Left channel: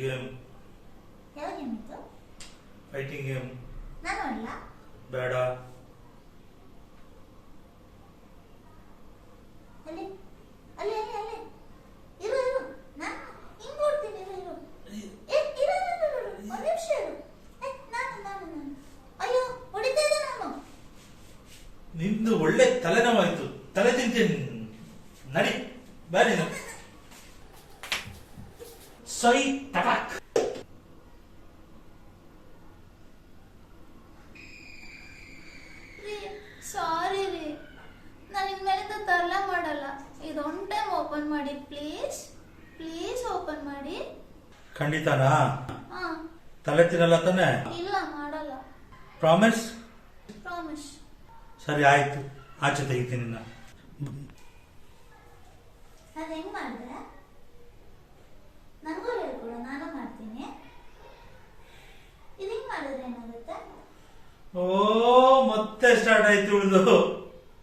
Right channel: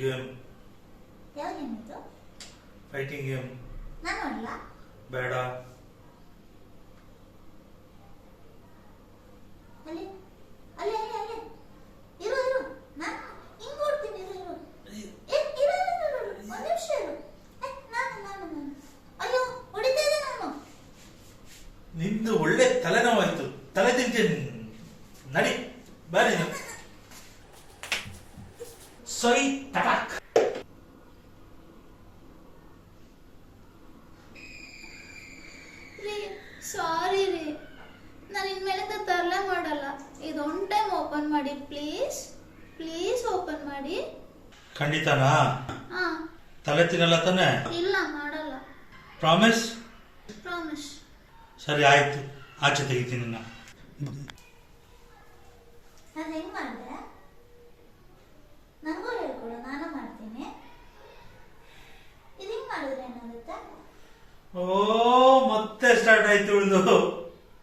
Game. ಯಾವ game ಇದು? Fighting game. ನಾನು ಅಲ್ಲ. ಬೇಡ. ಅಲ್ಲಿ ಅಲ್ಲಿ ಅಲ್ಲಿ ಅಲ್ಲಿ ಇರು ಇರು, ನಾನು ಹಿಂಗ್ ಓಡ್ತೀನಿ. ಇರು ಇರು, ಒಂದು ನಿಮಿಷ ಇರು. ನಾನು ಅಯ್ಯೋ ಹೊಡಿತಾ ಇದ್ದೆ ನಾನು. ನಿಂದು ಒಳ್ಳೆ ತಲೆನೋವಾಯ್ತು, ತಲೆ ತಿಂತೀನಿ. ನಡಿ ಬಾರಿ. ಸೈ ಟಟಾಕ್. ಸಾರಿ ರೀ, ನಾನು ಇನ್ಮೇಲಿಂದ ತರಲೆ ಮಾಡಲ್ಲ. ಇದು ಒನ್ ಟೈಮ್ ಓಪನ್ ಮಾಡಿ ಪ್ಲೀಸ್, ಪ್ಲೀಸ್ ಓಪನ್ ಮಾಡಿ. ಖಂಡಿತನಾ? ಹಾ. ತಲೆ ತಿನ್ನಲ್ಲ ತಾನೆ? ಇಲ್ಲ ಮಾಡಲ್ಲ. ಪ್ರಾಮಿಸ್? ಪ್ರಾಮಿಸ್. ಸರಿ ಆಯ್ತು, ಆಚೆ ತೆಗಿತೀನಿ. ಅದು ಹೆಂಗ್ ಮಾಡಿದೆ ನನಗೂ ಹೇಳ್ಕೊಡು, ನಾನು ಮಾಡ್ತೀನಿ. ಇದು ಹೆಂಗ್ ಮಾಡಿದ್ರೆ ಏನಾಗುತ್ತೆ? ಓ ಮತ್ತೆ ಸ್ಟಾರ್ಟ್ ಆಯ್ತು ಉಳಿದು.